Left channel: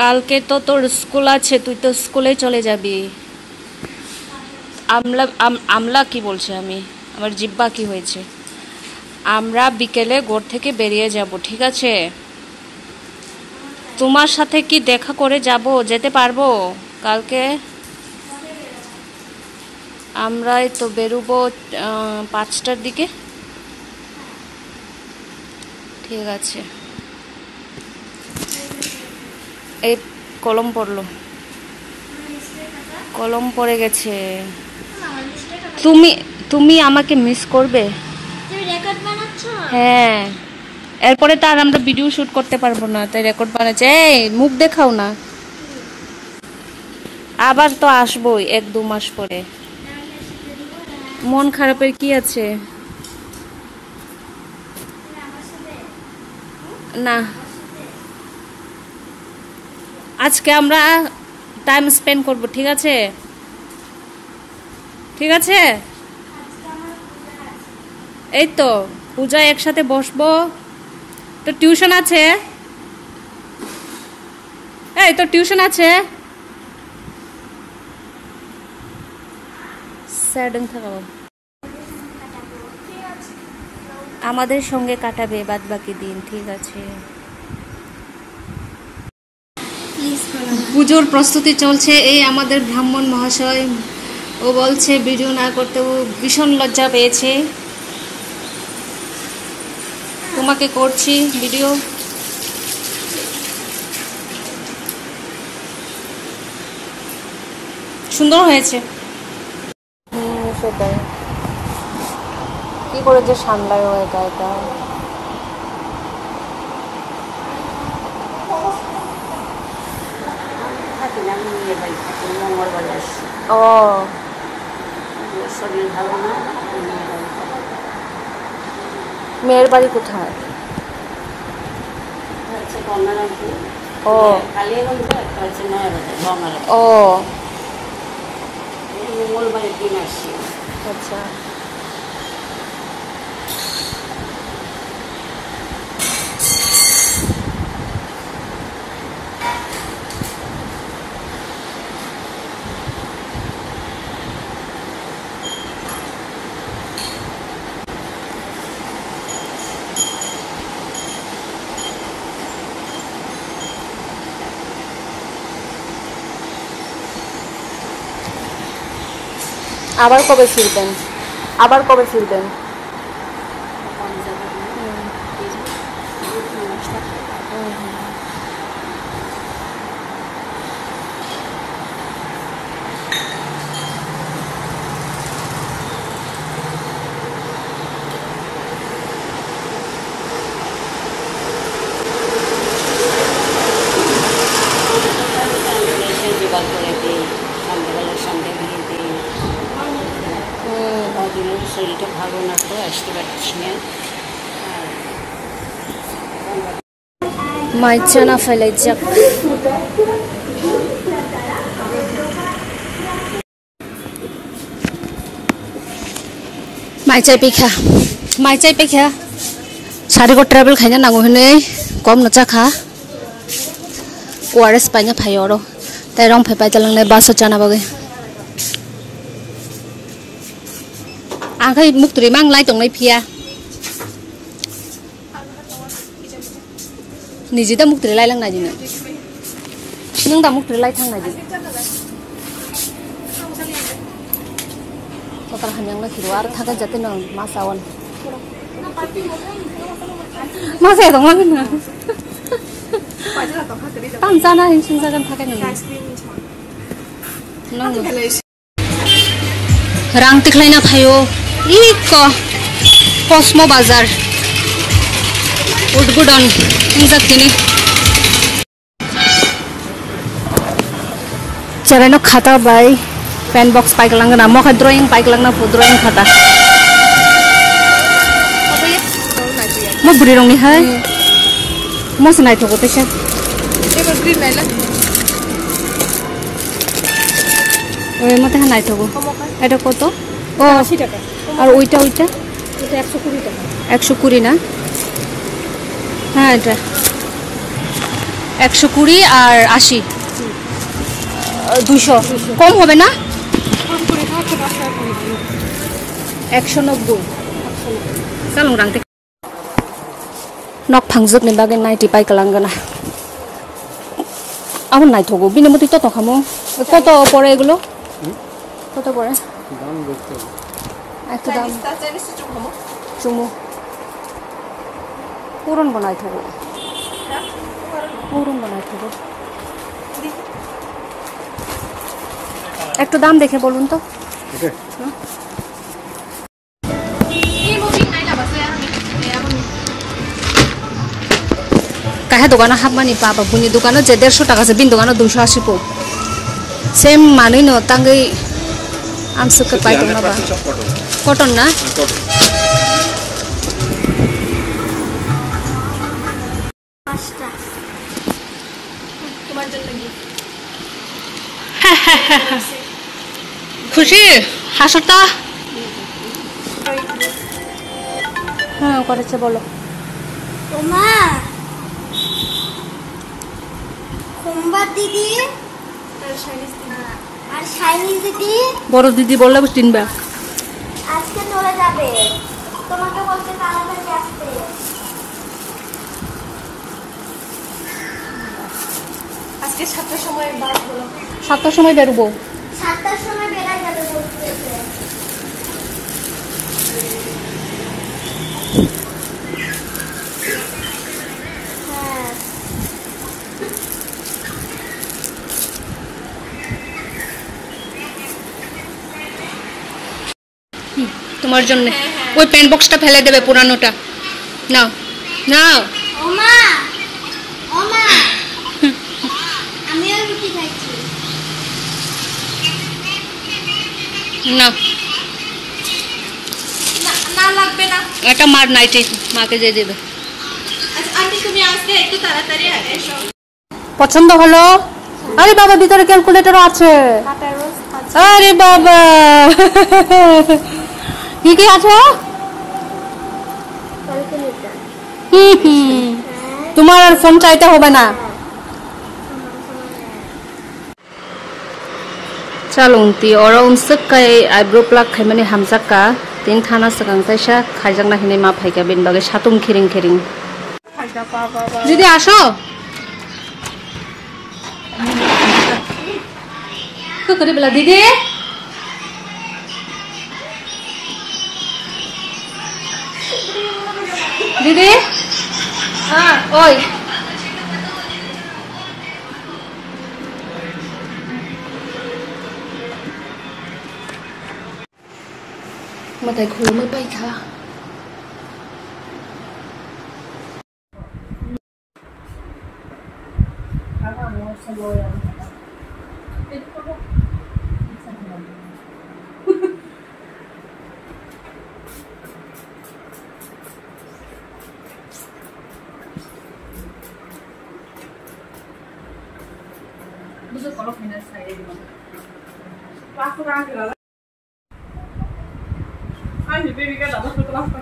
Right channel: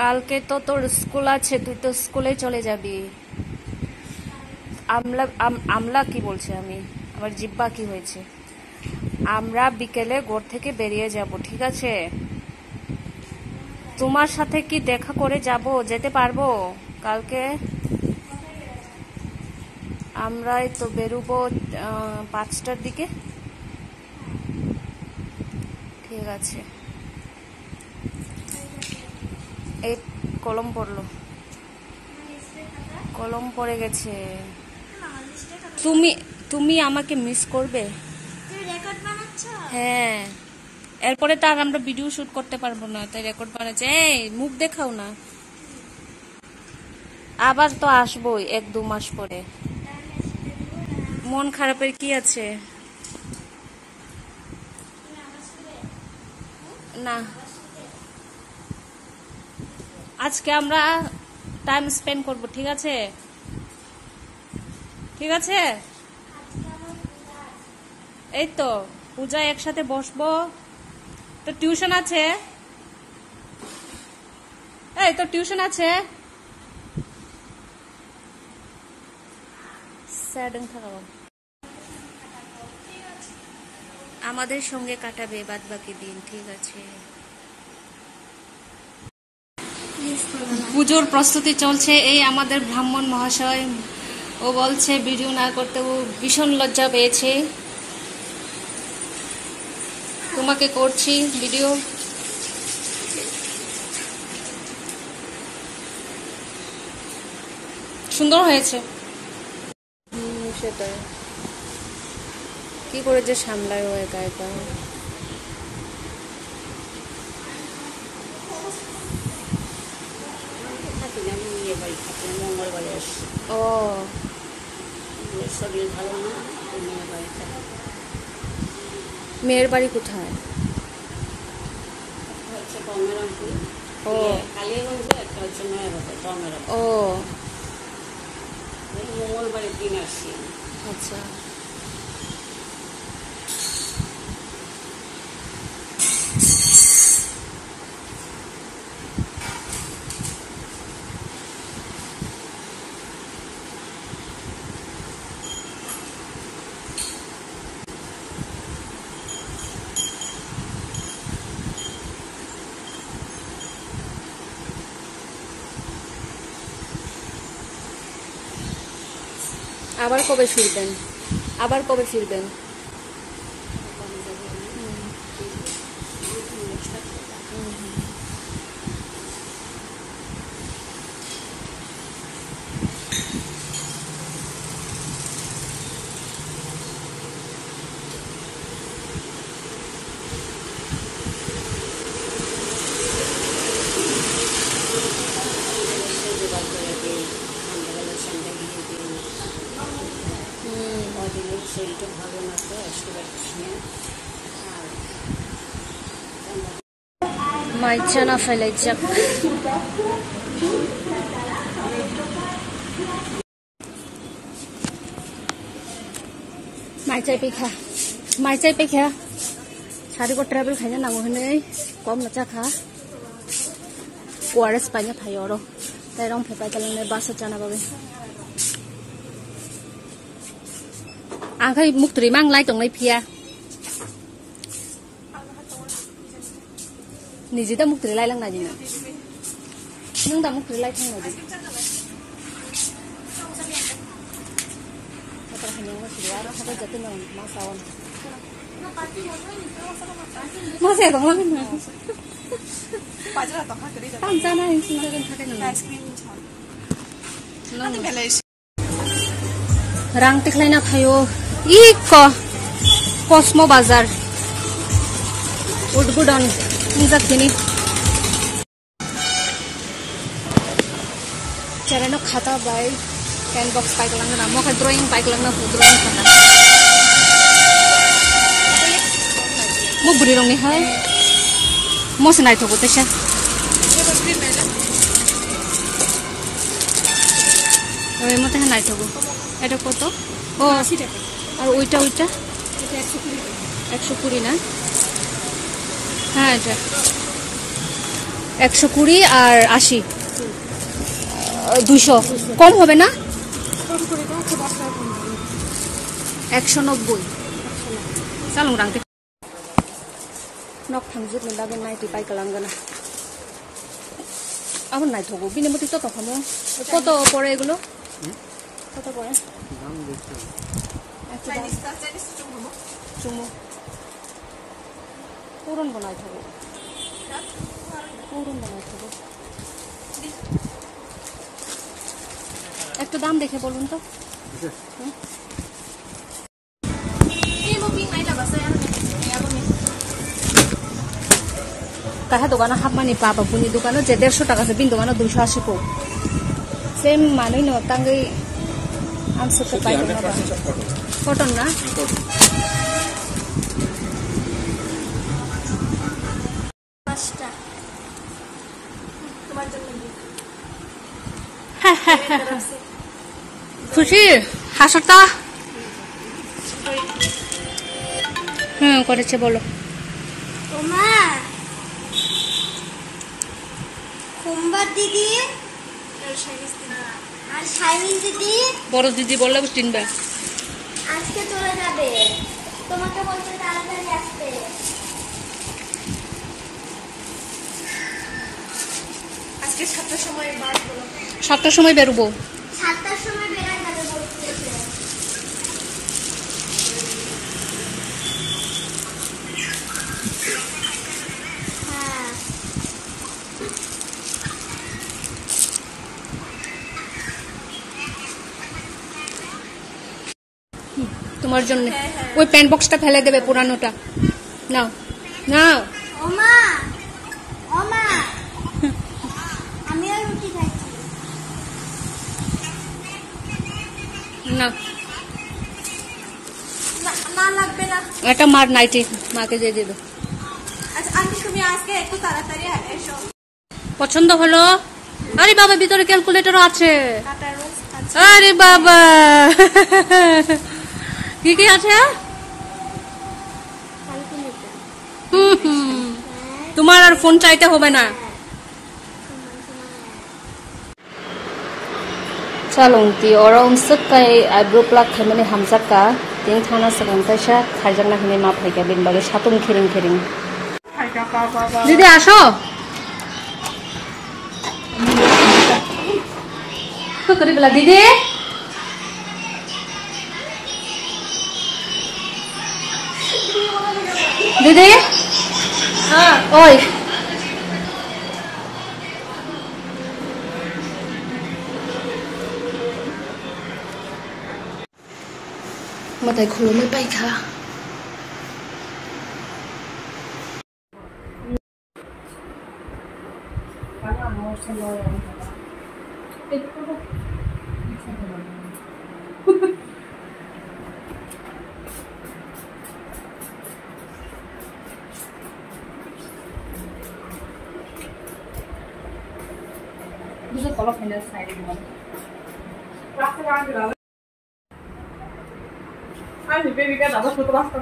কালকে তো তোর স্কুল আছে, তুই তো স্কুলে চলে যাবি। আমলা কি বলছে, আমার জিব্বা কি হয়েছে। আমরা বিকেলে ঘর থেকে বেরিয়ে যাব, ঠিক আছে? তোমার সাথে কি দেখা করে যেতে পারবো কালকে? আমরাই তো বেরোবো 5টার দিকে। ঠিক আছে। এই কলম পড়ে গেছে। তুমি আমাকে মিস করবে? হ্যাঁ, এরপরে তো আর আমরা ভিডিও শুট করতে পারবো না, তাই রেকর্ড বানাচ্ছে। এই মুখ দেখাও না। আবার তো আসবোই 1-2 মাস পরে। মন খারাপের কি আছে? না, আজকে আমরা টাইম স্পেন্ড করব, ঠিক আছে? ঠিক আছে। এই তো পূজা একসাথে বসবো। তো টিউশন আছে। এই তো টিউশন আছে। আমাদের সঙ্গে কাটাবে বাদ বাকি দিন, ঠিক আছে? পুজোর প্রস্তুতি চলছে। এই আমাদের ব্রাহ্মণ মহাশয়, ও বলছে ভিডিও না করতে, ও ভীষণ লজ্জা পেয়েছে। তোমাকে করছি ভিডিও। সুন্দর হয়েছে। সেটাই, কি করে যে সামলায় ও একা একা। ও, শরীর ভালো না। মেয়ের বাড়ি কোথায়? ও ও, মঙ্গলবারের দিন আসছি। আচ্ছা। আবার কবে ফিরবেন? শরীরটা ভালো না, তো আসতে পারছি না। মাইচা না ফেলাই যাক। মাইচাই পেখা सारिको ट्रेवल खाइना नांगौ होनै कम न जाखा ORS पाइना फायो र ताइ रं फाइ तलंने बास जाना बगे आखै मुक्तरि मां लाइ दंनाय फिया निजे दा मुक्तरि लाइ लांनाय दिनो नों दा मुक्तरि लाइ थांनाय दिन कतार हान्यां ना खिरो आरो थागा जाते नों मासावन मासा दं लांना ताम जाना हिंसिं जागोन थाखाय नों रां तिख्लायना फायो इक कस्मो बाजार उडगुडन इंजाक्तिनि चरानो खाता बाय पेन बॉक्स पाइक लांगना मखा ड्राइंग पाइक लांगना ड्राइंग खाता म बुरी रंनि हाय मस नाइ थको तैसा एबो बुरी नाइला ओय मते नाइ थको এটা কত ও 80 টাকা আর ওইটা এটা 120 টাকা 120 না হ্যাঁ এটা 120 আর 80 200 কম হবে না 190 salung rang te nok phangjak ni bagen 90 pai kalangana amon nai thogo bine moti to khamo কত পড়ে এগুলো কত পড়ে দাম দেখতে একটা দাম চুমু পুরন বানাই থাকো পুরন বানাই থাকো একটু দাম দেখে বলুন তো কাহে দোকানে হাবমানি পাবা বুনি দোকানে যে 150 টাকা আছে বিন দোকানে 280 পো সেম মানই ন তাঙ্গই আমসকে পাই তো না বা কটন না তোমার জন্য কি খুশি হাসতা করেছে বলো ওমা কুম্বার দিদি আর শাইনিজ দিদি বড় দিদি বললে তিনবার আজকে চলে যাবে তোমাকে বলতে তাড়াতাড়ি আসতে আজকে 7টার সময় বাস হলো 7টার সময় বেরোবো 7টার সময় বেরাই যাবে বলতেছে তোমার জন্য ওই পেন বক্সটা ফেলে দেবে পুরানোটা নাও নাও ওমা ওমা আমিও রুটি খাচ্ছি না না লাগবে না এটা মার নাইটি মাকে দিয়ে দেবে আচ্ছা আন্টি তুমি আজকে একটু তাড়াতাড়ি এসো পছন্দ হলো আরে বাবা ভিতরে ক্যালকুলেটরও আছে আরে বাবা কি কি আছে তোমার আর ফোন চাইতে হবে না চালুনতি ওরা উনসক কাই আইব্রো প্লাক খাইমানি হামজাকা তিন থানা সাকাং তাইসা খাইজাকনা হিনে মা ফাইকা বিন বাগে সাতুম খেরিং খেরিং দিদি আসো তো করে বলা দিদি দিদি ওই মাথায় খুলো মই পাইখা বুঝো কলক হেনা সাইডে দিবা রাস্তা রাখি দাও আই বেবি কা দাদা ফটো রাস্তা